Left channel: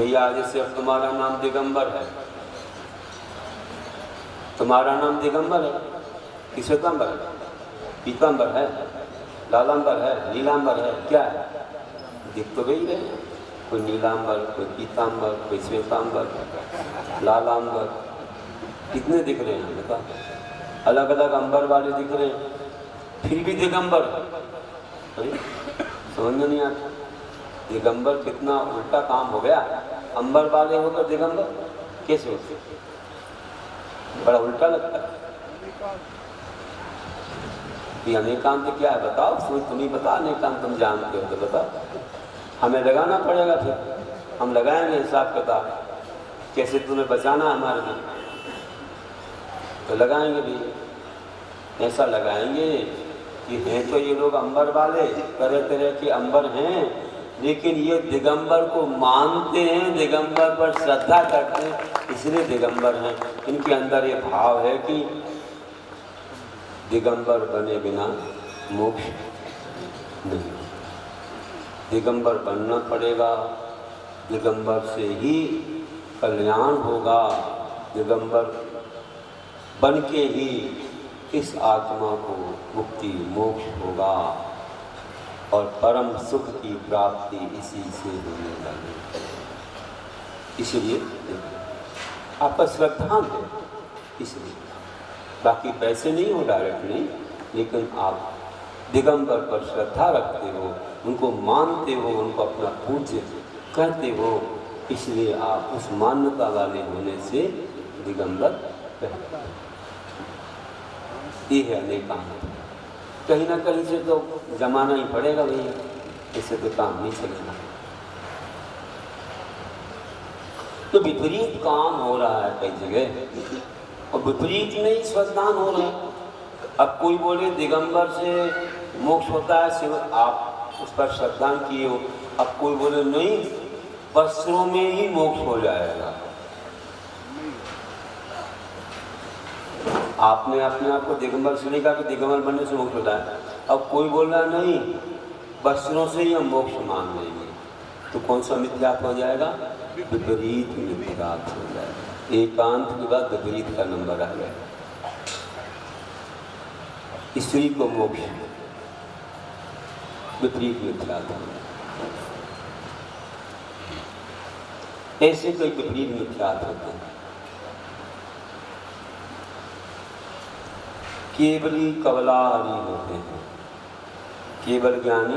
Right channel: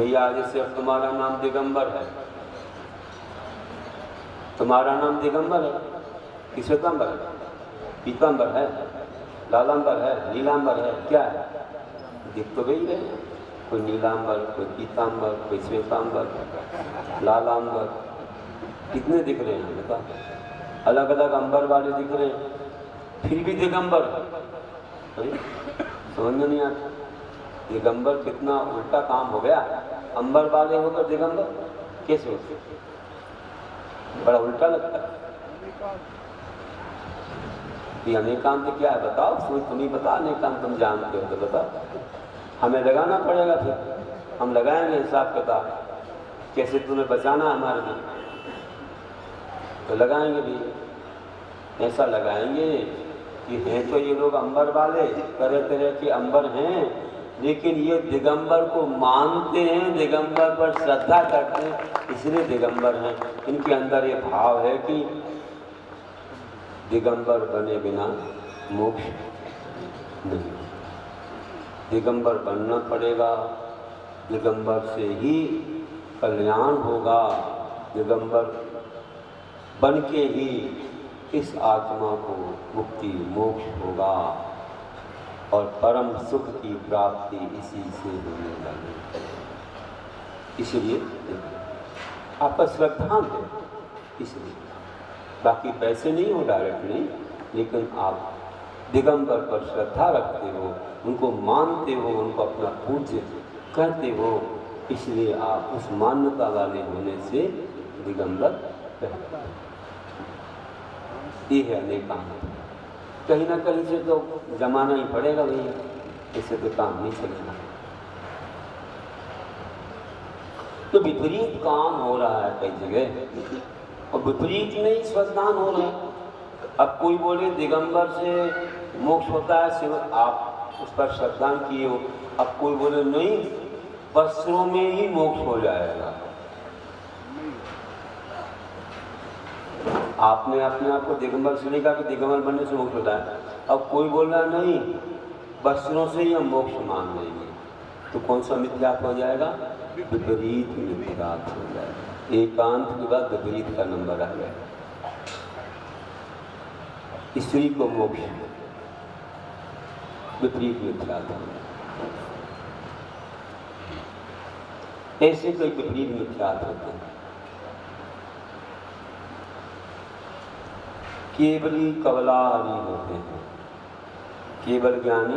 भैया जैसे अब तुम्हारा नाम दिगंबर है, तुम्हारा नाम दिगंबर है कि श्वेतांबर है, पीतांबर है, लालांबर है, नीलांबर है, क्या है? दिख तो गई रहे, कोई नीलांबर, कोई पीतांबर, कोई श्वेतांबर, लालांबर, कितने दिख रहे हैं बता? अलग अलग अंबर वाले दिख रहे हैं, फिर भी दिगंबर। समझ में नहीं आता, दिगंबर कितना उल्टा काम हो गया। अंबर वाले होकर दिगंबर कैसे होते? बड़ा उल्टा लगता है। ये अनेकांत क्या है बताओ? तुम ही बता, अनेकांत तुम जानते हो तो बता। हमें लगाना पड़ेगा, फिर हम लगाएंगे हिसाब किताब, कैसे तुम्हें बचाना हमारे लिए तो लगाएंगे भी। ऐसा लगाएंगे कि हैं तो ये लोग अंबर वाले, तरह तरह के अंबर हैं, लेकिन ये दिगंबर को मानते हैं, दिगंबर पर श्रद्धा करते हैं, इसलिए दिगंबर हैं। इनके अंदर ये भाव है कि दिगंबर बने बिना मोक्ष नहीं, दिगंबर बनना पड़ेगा, दिगंबर से ही कल्याण होगा, दिगंबर बन के ही इस आत्मा को मुक्ति मोक्ष होगा और परम सुख की प्राप्ति इसी से होने लगी। इसलिए आपका श्रद्धा है, इसलिए बाकी पैसे नहीं हो डायरेक्टली, लेकिन आप दिगंबर पर श्रद्धा रखते हो, उनको मानते हो, उनको अपना पूज्य कहते हो, इसलिए आप उस मान्यता वाले होने से दिगंबर कहते हैं। ये है अनेकांत। कहीं ना कहीं से तो जमाना ही पड़ेगा भैया, इससे तो काम नहीं चलेगा। तो विपरीत काम हो रहा है कई जगह और विपरीत में ही श्रद्धान हो रहे हैं। अब कोई बोले दिगंबर से मोक्ष होता है, सिर्फ आप उस पर श्रद्धान किए हो। अब कोई बोले नहीं, वस्त्रों में ही मोक्ष हो जाएगा। आपने अपने आप को दिगंबर से नहीं कहा कि दिगंबर बनने से मोक्ष होता है। अब कोई बोल रहा नहीं, वस्त्रों से ही हम मोक्ष मान लेंगे, तो कौन सा मिथ्यात्व हो जाएगा? विपरीत मिथ्यात्व हो जाएगा। एकांत के बाद विपरीत का नंबर आ गया। स्त्री को मोक्ष, विपरीत मिथ्यात्व। ऐसे कोई विपरीत मिथ्यात्व होते हैं। केवली कवलाहारी होते हैं, केवल ज्ञानी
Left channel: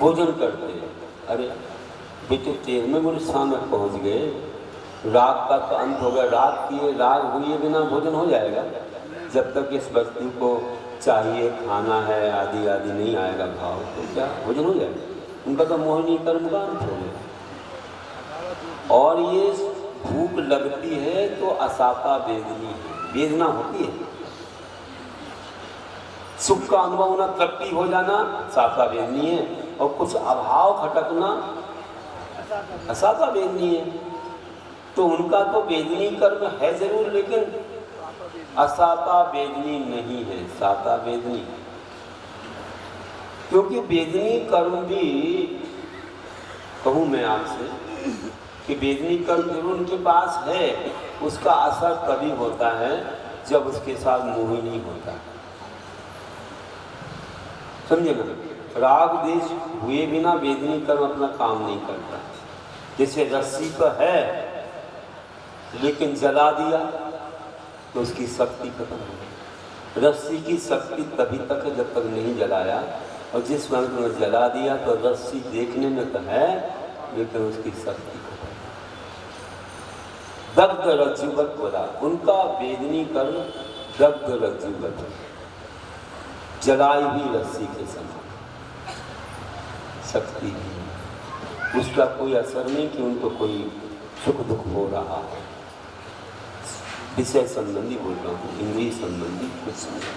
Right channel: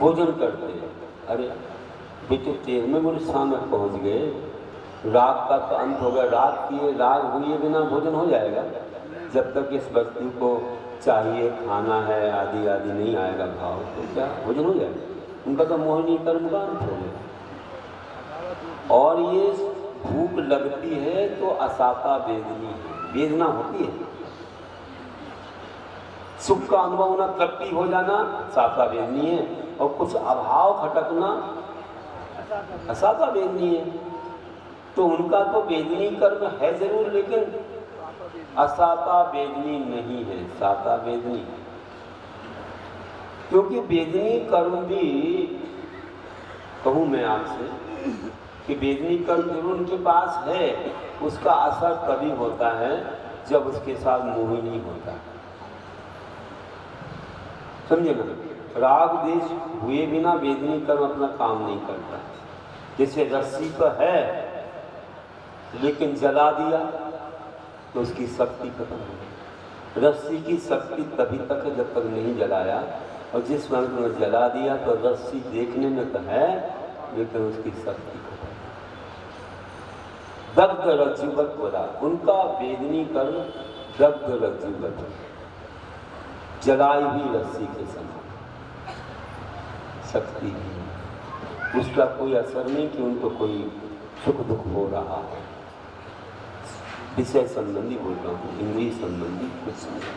भोजन करते हैं। अरे बेटे 13वें स्थान में पहुंच गए, राग का तो अंत हो गया, राग किए, राग हुए बिना भोजन हो जाएगा। जब तक इस वस्तु को चाहिए, खाना है आदि आदि नहीं आएगा भाव, तो क्या भोजन हो जाएगा? उनका तो मोहिनी कर्म का अंत हो गया। और ये भूख लगती है तो असापा वेदनी है, वेदना होती है। सुख का अनुभव होना, तृप्ति हो जाना साफा वेदनी है, और कुछ अभाव खटकना असाफा वेदनी है। तो उनका तो वेदनी कर्म है जरूर, लेकिन असाफा वेदनी नहीं है, साफा वेदनी। क्योंकि वेदनी कर्म भी, कहूँ मैं आपसे कि वेदनी कर्म जरूर उनके पास है, उसका असर तभी होता है जब उसके साथ मोहिनी होता है। समझे ना? राग देश हुए बिना वेदनी कर्म अपना काम नहीं करता। जैसे रस्सी पर है लेकिन जला दिया तो उसकी शक्ति खत्म हो गई। रस्सी की शक्ति तभी तक है जब तक नहीं जलाया, और जिस समय तुमने जला दिया तो रस्सी देखने में तो है लेकिन उसकी शक्ति खत्म। दग्ध रज्जुवत बोला, उनका वेदनी कर्म दग्ध रज्जुवत, जलाई हुई रस्सी के समान शक्ति है, उसका कोई असर नहीं कि उनको कोई सुख दुख हो रहा है। विषय संबंधी बोल रहा हूँ, इंद्रिय संबंधी कुछ नहीं,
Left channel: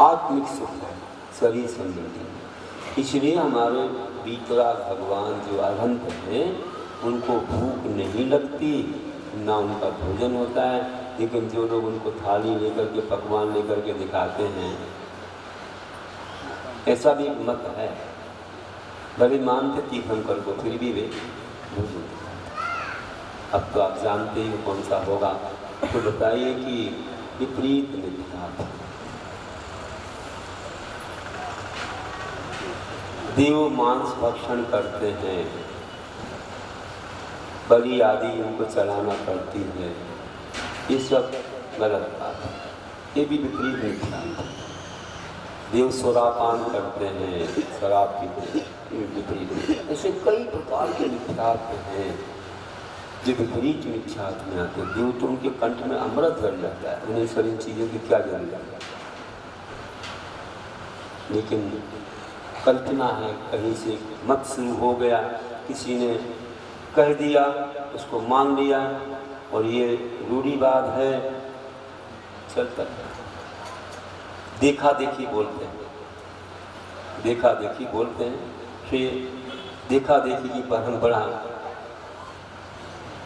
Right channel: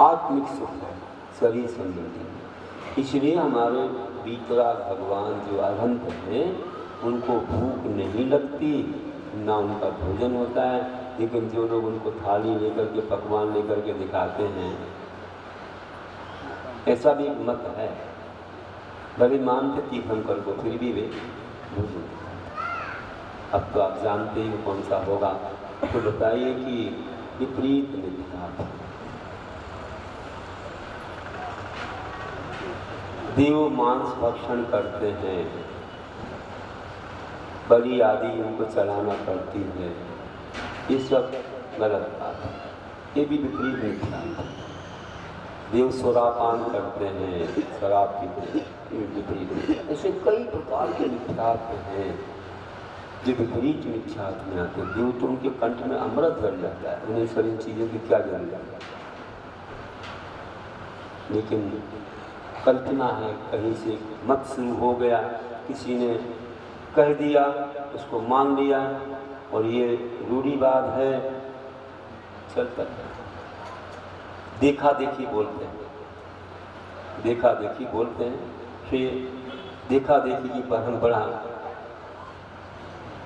आत्मिक सुख है, शरीर संबंधी। इसलिए हमारे बीतराग भगवान जो अरहंत हैं, उनको भूख नहीं लगती, ना उनका भोजन होता है। लेकिन जो लोग उनको थाली लेकर के, पकवान लेकर के दिखाते हैं, ऐसा भी मत है, भले मानते तीर्थंकर को, फिर भी वे भोजन अब तो आप जानते ही कौन सा होगा। तो बताइए कि विपरीत मिथ्या। देव मांस भक्षण करते हैं, बलि आदि उनको चढ़ाना पड़ती है, ये सब गलत बात है, ये भी विपरीत मिथ्या। देव शराबपान करते हैं, शराब पीते हैं, ये विपरीत। ऐसे कई प्रकार के मिथ्यात्व हैं जो विपरीत मिथ्यात्व में आते हैं। देव तो उनके कंठ में अमृत भर जाता है, उन्हें सारी चीज़ों की क्या जरूरत है। लेकिन कल्पना है, कहीं से मत शुरू हो गया, किसी ने कह दिया, उसको मान लिया, और ये रूढ़िवाद है, चलता है। देखा देखी बोलते हैं, देखा देखी बोलते हैं, फिर देखा देखी की परंपरा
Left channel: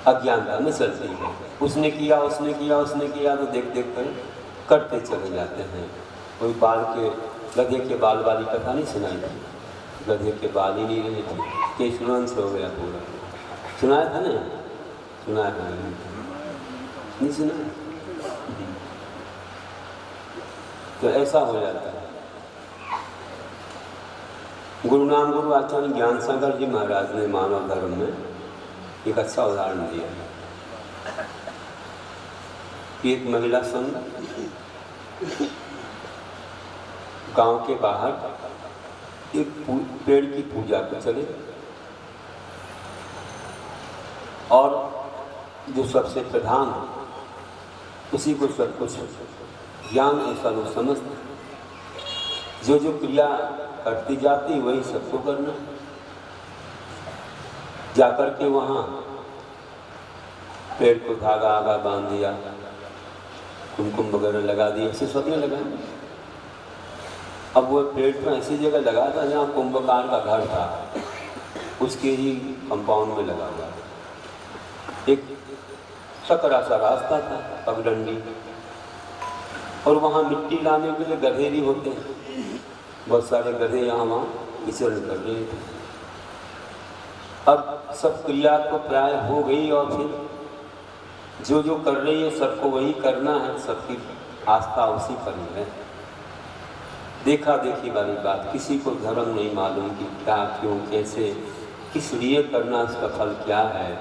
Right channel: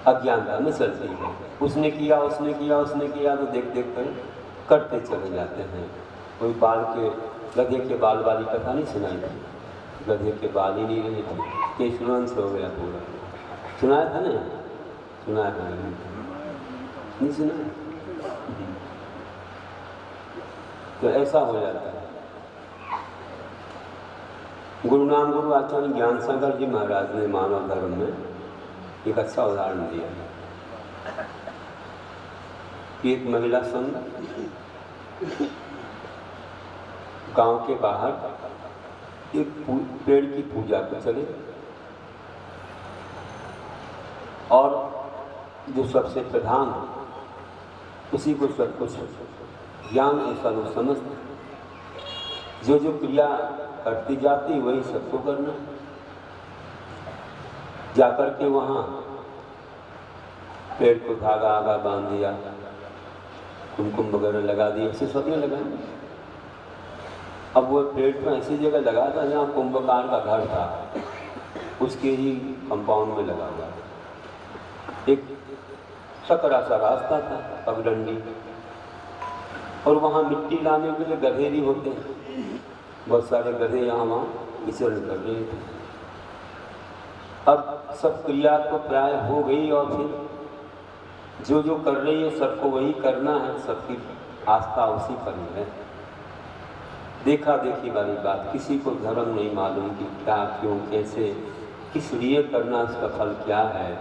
अज्ञानता में चलती है। उसने किया उसने किया उसने किया, तो देख देख कर करते चले जाते हैं। कोई बाल के गधे के बाल वाली कथा नहीं सुनाई थी, गधे के बाल ही नहीं रहे थे, केशवंश हो गया पूरा। सुनाया था ना? सुनाया था नहीं सुना? तो ऐसा हो जाता है। गुरुनाम गुरु आचार्य ज्ञान सागर जी महाराज ने मानव धर्म में एक अच्छा उदाहरण दिया है। एक महिला संघ गांव के बाहर एक पेड़ की पूजा को चले, और जो सबसे प्रधान उसी को सब कुछ ज्ञान ऐसा वो समझते, जो जो क्रिया करती जाती वही सबको करना। जाकर के वहाँ पेड़ को धागा आगा बांध दिया, कुमकुम वगैरह लगा दिया, ऐसे सबने लगाया। अब वो पेड़ तो ऐसी जगह लगा था जहाँ कुंभकार का घर था, उसके ही कंपाउंड में लगा हुआ। एक सकरा सा रास्ता था, पगडंडी, और वहाँ मिट्टी लाने के लिए गधे भी होते हैं। बहुत सारे गधे यहाँ वहाँ विचरण कर रहे थे। अब सब क्रिया तो प्राय हो गई, और फिर जो जो कर रही है सबको वही करना है, सबकी आस्था उसी पर ही है। देखा देखी वाली बात, किसी को धर्म नहीं मालूम कि क्या क्यों कैसे किस लिए करना, उसका फल क्या है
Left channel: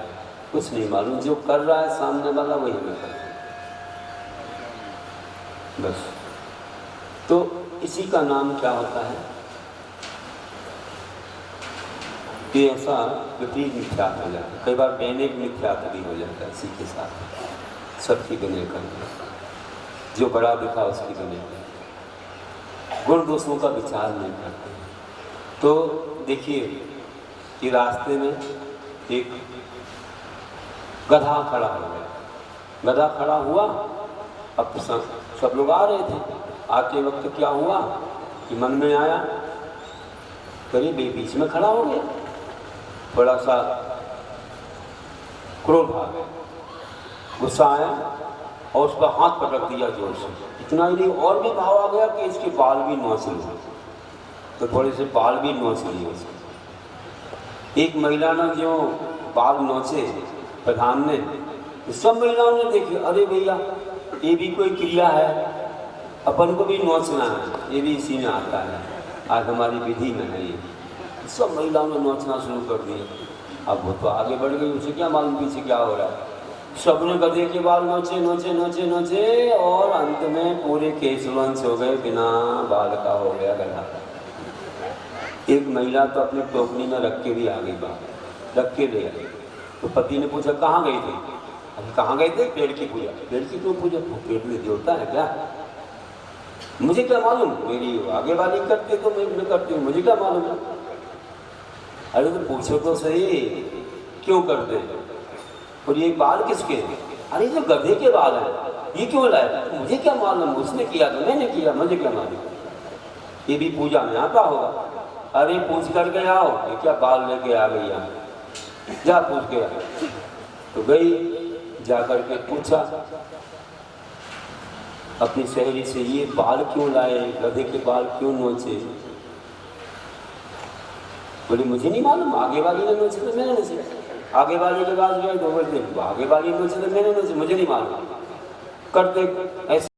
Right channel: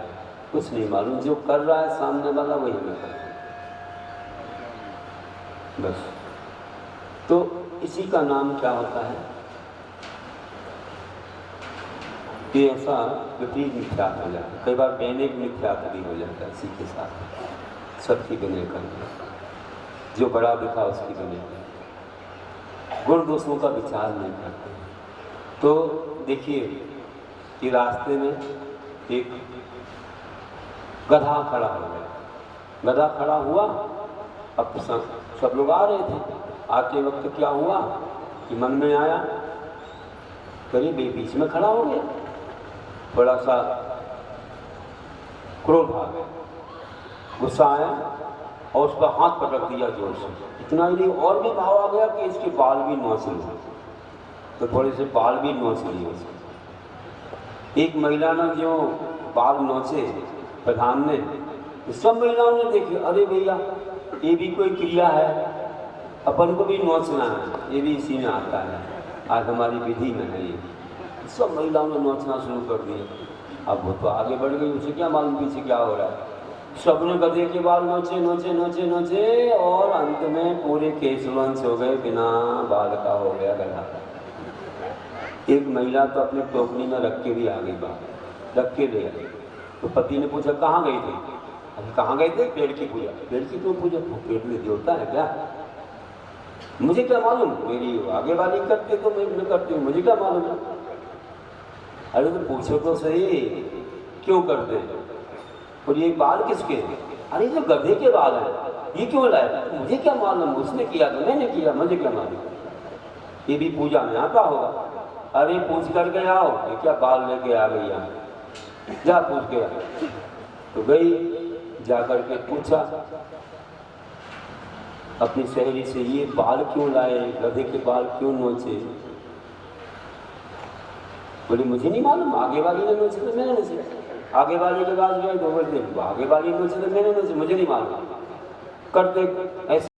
कुछ नहीं मालूम। जो कर रहा है सामने वाला वही हमें करता है बस। तो इसी का नाम क्या होता है कि ऐसा विपरीत मिथ्यात्व हो जाता है। कई बार दैनिक मिथ्यात्व भी हो जाता है इसी के साथ, सबकी बने करके, जो बड़ा दिखा उसकी बने कर, गुण दोषों का विचार नहीं करते। तो देखिए कि रास्ते में एक गधा खड़ा हो गया, गधा खड़ा हुआ। अब सब लोग आ रहे थे, आते वक्त क्या हुआ कि मन में आया, करीब बीच में खड़ा हो गया, थोड़ा सा क्रोध आ गया, गुस्सा आया, और उसका हाथ पटक दिया जोर से। इतना ही नहीं, और भी भाव आ गया कि इसके बाल भी नोच लिए, तो थोड़े से बाल भी नोच लिए उसके। एक महिला ने जो बाल नोचे प्रधान ने, सब महिलाओं ने देखी, अरे भैया ये भी कोई क्रिया है, अपन को भी नोचना है, ये भी इसी में आता है, आज हमारी विधि में है ये। सब महिलाओं ने नोचना शुरू कर दिया। अब वो तो आगे बढ़ गई, उसे क्या मालूम पीछे क्या हो रहा है। सबने गधे के बाल नोचे नोचे नोचे नोचे, और अंत में पूरे केशवंश हो गए, बिना बाल का हो गया गधा। एक महिला तो अपनी टोकरी में रख के भी आ गई, बाल रख के ले गई। तो पति ने पूछा कहाँ गई थी? अभी कहाँ गए थे? पेड़ की पूजा। पेड़ की क्यों पूजा? पेड़ में देवता है क्या? मुझे क्या मालूम, मेरी आगे वाली करते तो मैं करती हूँ, मुझे क्या मालूम है? अरे तो पूछो तो सही, क्यों करते? और ये बाल किसके? अरे जो गधे के बाल है, ये क्यों लाए? मुझे क्या मालूम, उसने किया तो मैंने किया, मुझे क्या मालूम, ये भी पूजा में आता होगा। अरे पूछ कर के आओ, ये क्या बाल लेके आ गई यहाँ, जा पूछ के आ। तो गई, जा कर के पूछा अपनी सहेली से, ये बाल क्यों लाए, गधे के बाल क्यों नोचे? बोली मुझे नहीं मालूम, आगे वाली ने नोचे तो मैंने नोचे। आगे वाले के पास गए तो बोलते आगे वाली नोचे तो मैंने नोचे, मुझे नहीं मालूम करते ऐसे।